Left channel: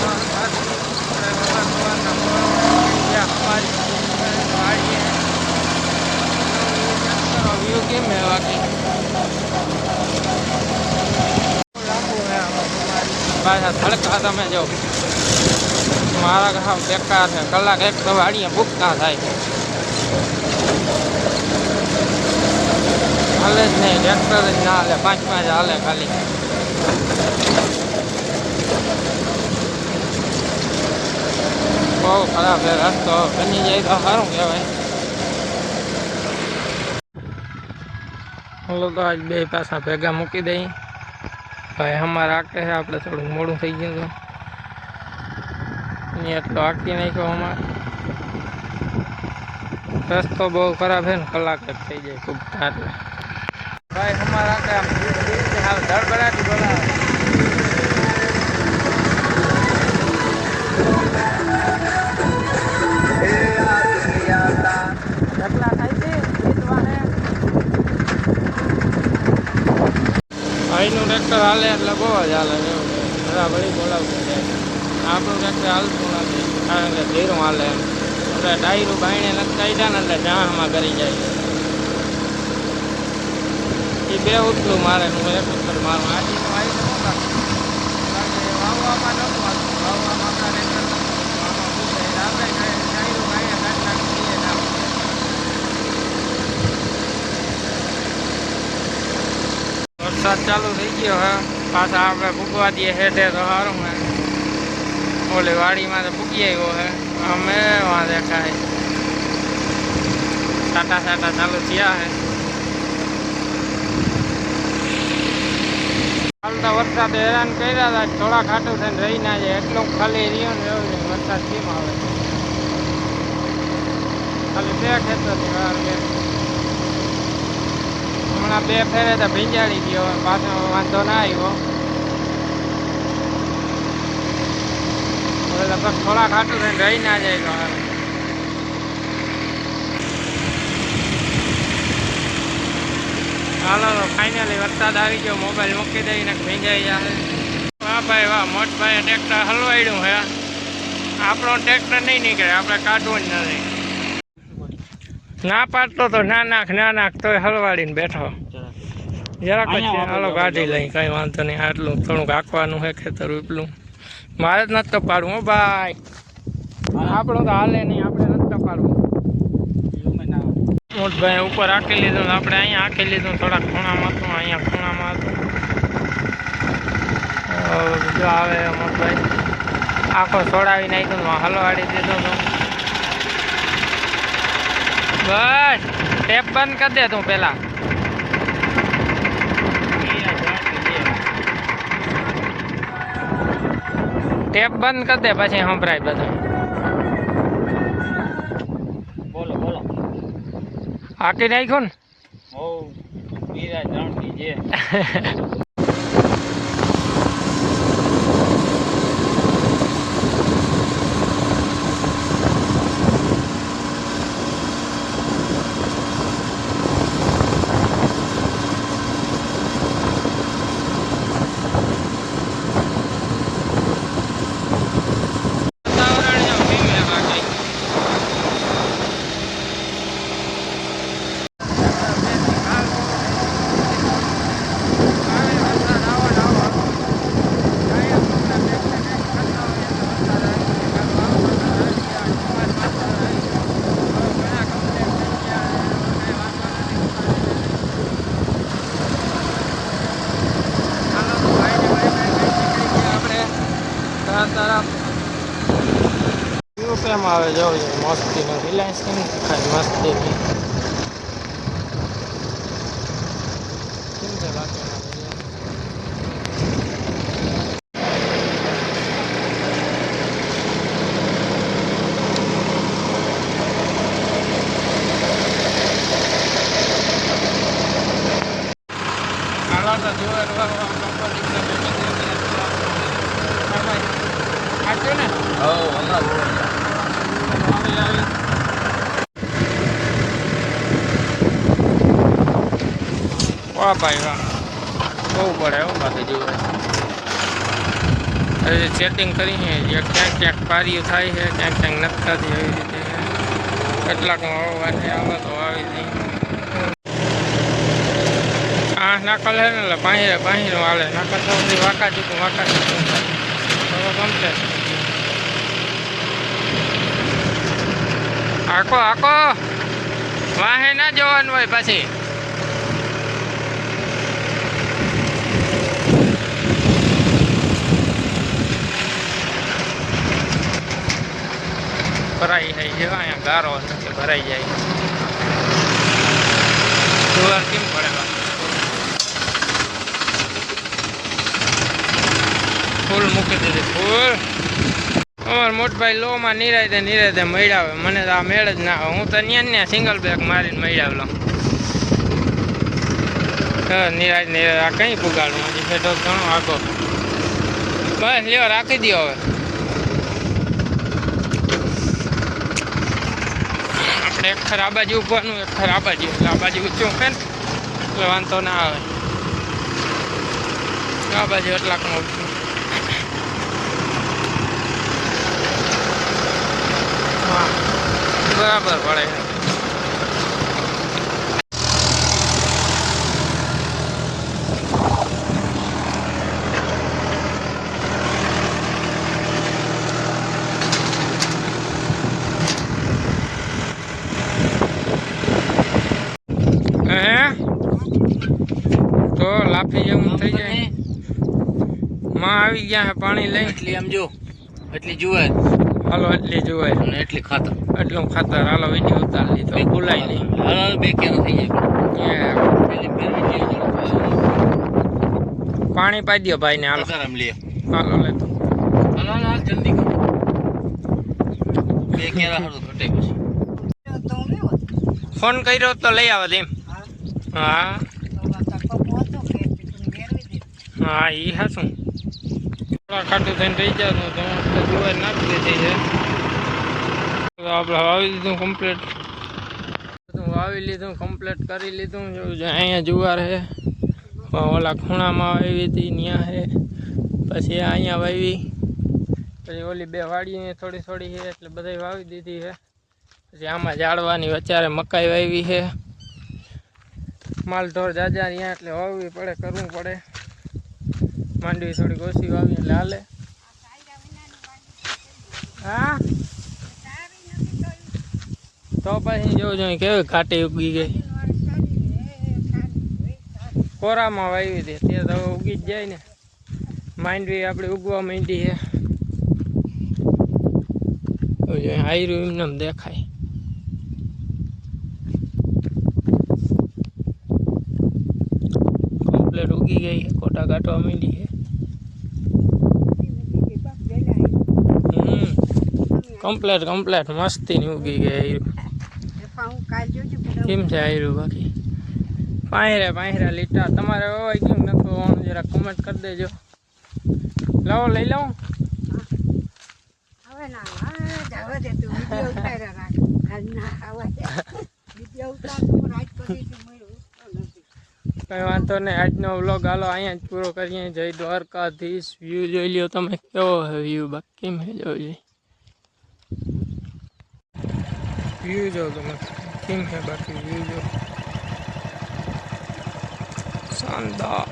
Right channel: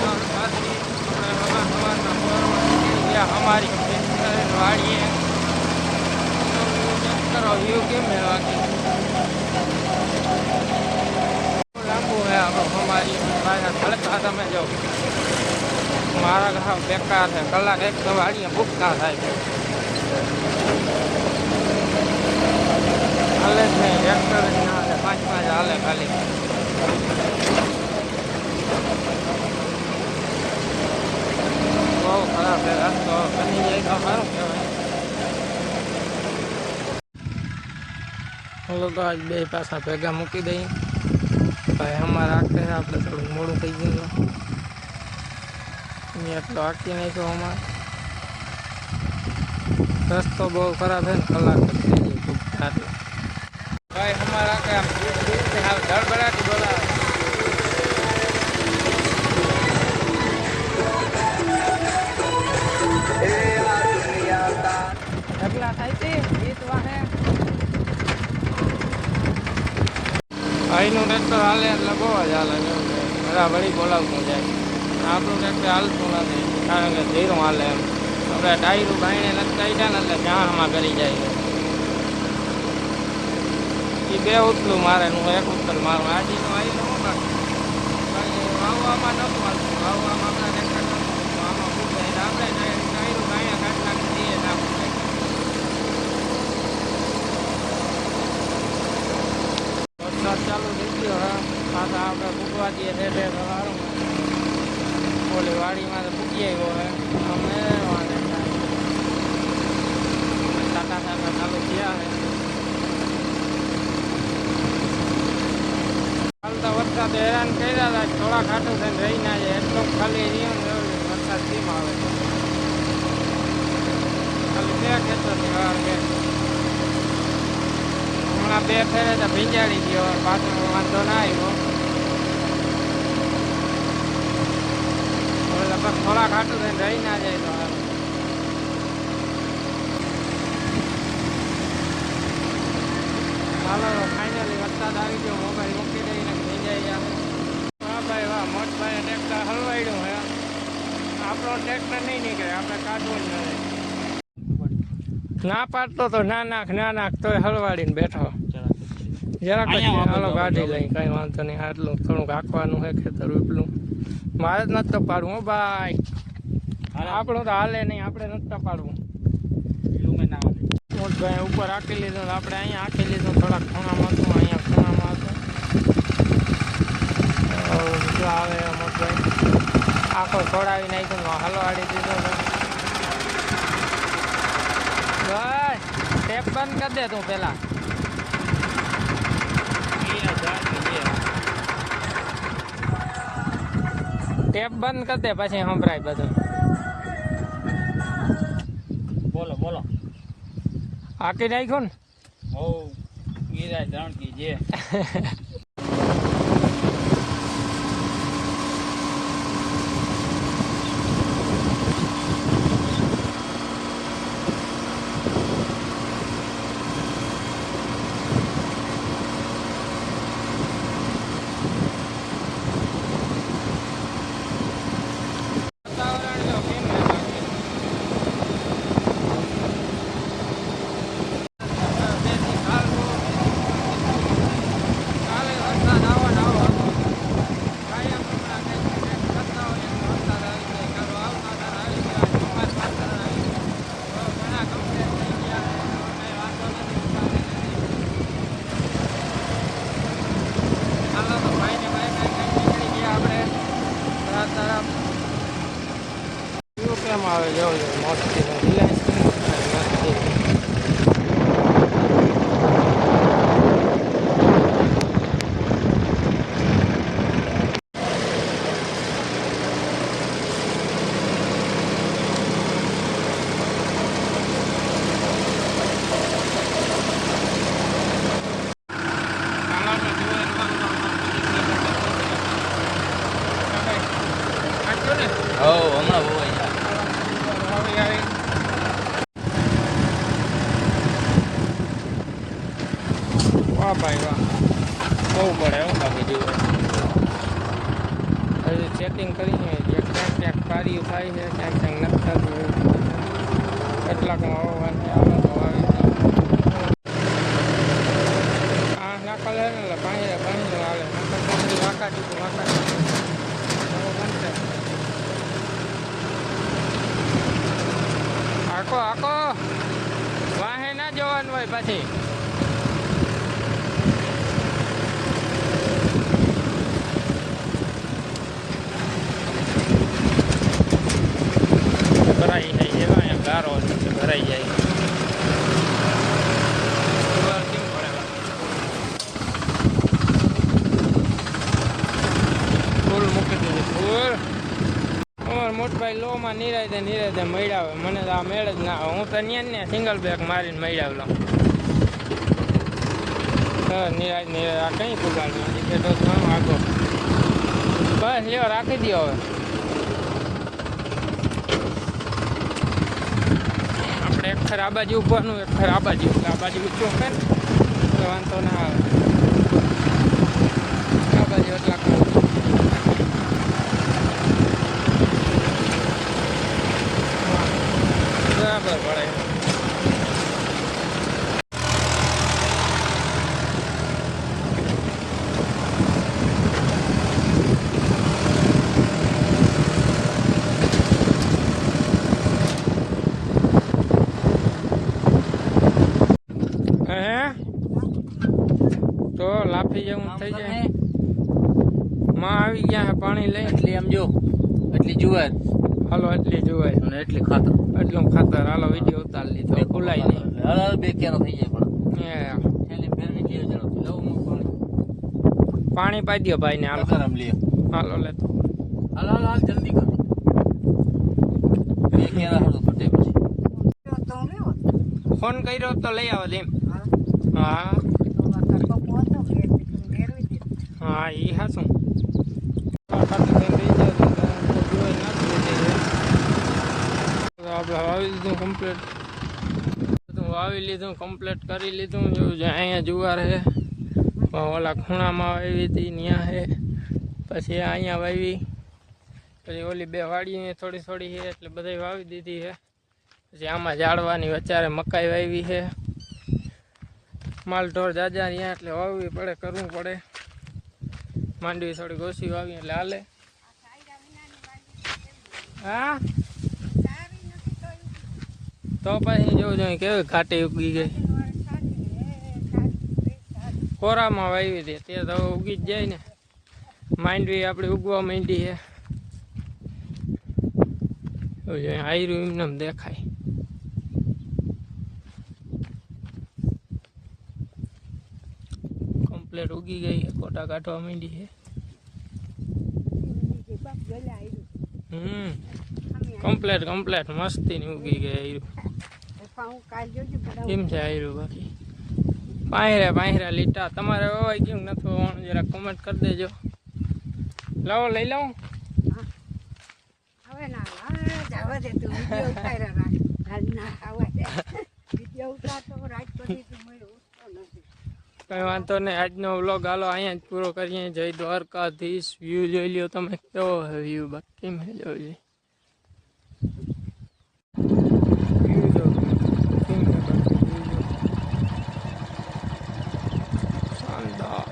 કેમ પાછા ખડકા તમે જાઓ મારા ઘા બેકાર છે કલાક એક તો વાડીએ ભૂખ ના થાય હાલે જ નહીં ટ્રેક્ટર જ ના હાલે 5 હાલે ખાલી બહુ ખરાબ છે રસ્તો બની જાય તો સારું કહેવાય હલો તો આજ બે પાછા ભેગા મૂકી દઈ ભાઈ અમારે આખે છે આપણે થોડુંક મોડું થઈ ગયું હતું એટલો આખી નાખ્યો અમારે રસ્તો બહુ ખરાબ છે ને કલાક જ થઈ જાય ખૂબ એટલે ભાઈ અમારે આખે આમ હાલ ધડબડાટી બોલાવે ઢગલા થાય છે જીતવાને અહીંનું ટ્રેક્ટર હાલે એટલે બહુ જ હાલે બરાબર બોલાવતું જાય આપણું ટ્રેક્ટર હાલતું નથી કારણ કે ધીરું હાલે એમ આપણે ટાયરું બાયણે નથી કાઢ્યા ને એટલે જાણમાં કરી જાય એ બે ઉતલું મારે હું એક ઉતર મારું આજીનું આવી તો વાવવામાં નહોતું હાલતું વાવવામાં આપણા ટ્રેક્ટર આપણે ટાયરું બાયણે કાઢી નાખીએ વરસાદ ચાલુ થઈ ગયો હે પાછા આપણે ભૂગવા દઈએ હેઠે તો સારું હે ઓલી વાડીમાં તો ભૂગી આવ્યો હે અમે વાં દેખાય સાટા ચાલુ થયા હે હાલ તો વરસાદ હેરાન કર્યા હતા થોડા ખાટું થઈને રહી ના જાય એટલું ખાલી રહ્યો ને વરસાદ કેમ આવે ખાલી બે ખેતરની વાર હમણાં બે ફેરે તો ભીંજાડી ગયો પાછો વાંધો ના આવ્યો હવે લગભગ થોડા ખાટું થઈને રહી ના જાય તો હાલો તો ફાઇનલી વરસાદ આવી ગયો મોબાઈલ મૂકી દઈને ભીંજાઈ જાય વાહ ભાઈ વાહ મોટભાઈએ ટ્રેક્ટર હલવાડ્યું હે આપણો ટ્રેક્ટર નહીં નીકળે આપણે કાઢવું જ નથી ના પાડતો તો ના નાખ તોય હલવાડીને બેઠો જરાક જ હાલો કાઢી લઈ કઈ વાંધો નહીં આટલું થોડુંક આંકવાનું છે ખેતર એટલું મારે જ નથી પાડવું હો ભાઈ આપણું તો હાલે નહીં આપણે નથી પાડવું મોટભાઈ ઉપર આંકી લીધું આપણે અહીંયા આંકી લીધું થોડાક ખૂણામાં હતું અહીંયા ખૂણામાં હતું બીજું આવે મોટભાઈ આખો છોડાવી નાખ્યું હલવાડી દીધું તો બસ ટેપ બંધ કરી દે તું પેલા ટેપ બંધ કરી દે પછી સંભળાય બધું બોલો બોલો હાકી નાખ્યું ને ઓ વીરા જાણકી જે કેમ આવે જાવ મસ્તી રિલાયન્સ કેમ ખાય મસ્તી વાહ ભાઈ વાહ બહુ પડે એવું બાકી જોવે હજી સેટિંગ કરી છે ક્યાંક ક્યાંક પારીયું થાય છે ક્યાંક ક્યાંક નથી થતી એવી રીતે છે કેટલાકમાં વાવવાની આવે તો વાવી દઈએ નાકલ હે ને એટલે પાહીને વાલે નાકલ તો બધી વાંકા ચૂકું ગમશે આખો વાહે ના જવાનું હોય પછી ભરાઈ જાય છે અહીંયા ગારો ભરાઈ જાય કેમ પડે ફૂલ મૂકી દીધી ફૂલ અમાર મોટભાઈ લોમાં નિરાયતે મળ્યા મને તો આ મેળ જ ના આવે હું તો ત્યાં સિંગલ બેગ મારીને મળ્યા નિરાય આ કઈ પુગાડું હજી બેઠો ઘણો આગો બસ લ્યો રાખી દો હવે આપણે એક ખર આ બાજુ ઉભવાનું એક ખર આ બાજુ એટલે આ બાજુ ઊંચું છે ને એટલે વાંધો ના આવે આ બાજુ એટલાકમાં ઊંચું બરાબર પડે તો લાફી જેવું થઈ જાય માં આવી ગયા હે પાણી લઈ એટલી આમ જો એટલી જુવાર હાલો એટલી જુવાર અને એટલી ખાતર એટલું ખાતર હાલો વિડીયો ઉતારી લીધો ભૂલાય નહીં હાલ બે કેરા થઈ જાય પાણી પાઈ દો ભાઈ ને હાલો આમ લે હાલો લેતો હાલ જલ્દી કરો બે કેરા હાલો ઘટે પછી ફોન કર્યો તો લઈ આવો એમ હા હા એ હાશું ખાટું થઈને રહી જાય તો જુવાર નાખી દીધી છે આપણે વાવી લીધું કમ્પ્લીટ વાવી લીધું કમ્પ્લીટ કરી લીધું એવું છે અહીંયા જુવાર છે ઓલા ખૂણામાં વાવી હતી ત્યાં છે પછી અહીંયા વાવી પછી ઓલી બે વાડીને થોડી થોડી છે એટલે બધાય વાવી દીધી છે પછી આમાં ઝાડવાની વચારે મકાઈ વાવી છે માલ ઢોર જાજા અહીંયા એટલે વાવવી પડે કરવું પડે માંડવી થોડીક ઓછી વાવી એટલે હાલે હા તો પછી જોવું જોઈએ કેવી ઘાટી ઉગી ગઈ કોરામાં વાવી હતી તે તો ઉગી જ જાય ને માંડવી આપણી ઉગવા માંડી છે આયરું એમને દેખાય કમ્પ્લેટ ઉગી ગઈ છે કોટા કાઢવા માંડી છે કમ્પ્લેટ મસ્તી ની ઉગી ગઈ આયરું કેમ છે આયરું બાકી પાંહરા લીટા તમારે વાવાય કેમ નથી વાવવાનું જરા કમેન્ટ કરી દેજો લાવો લઈ લઉં કઈ વાંધો નહીં આજનો વ્લોગ હાલો અહીંયા જ પૂરો કરીએ જય દ્વારકાધીશ વ્યૂ જોઈ લ્યો તમે કેવો છે વ્યૂ બાકી કેમ છે જોઈ વ્યૂ જો તમે કેમ છે બાકી વ્યૂ જો શાનદાર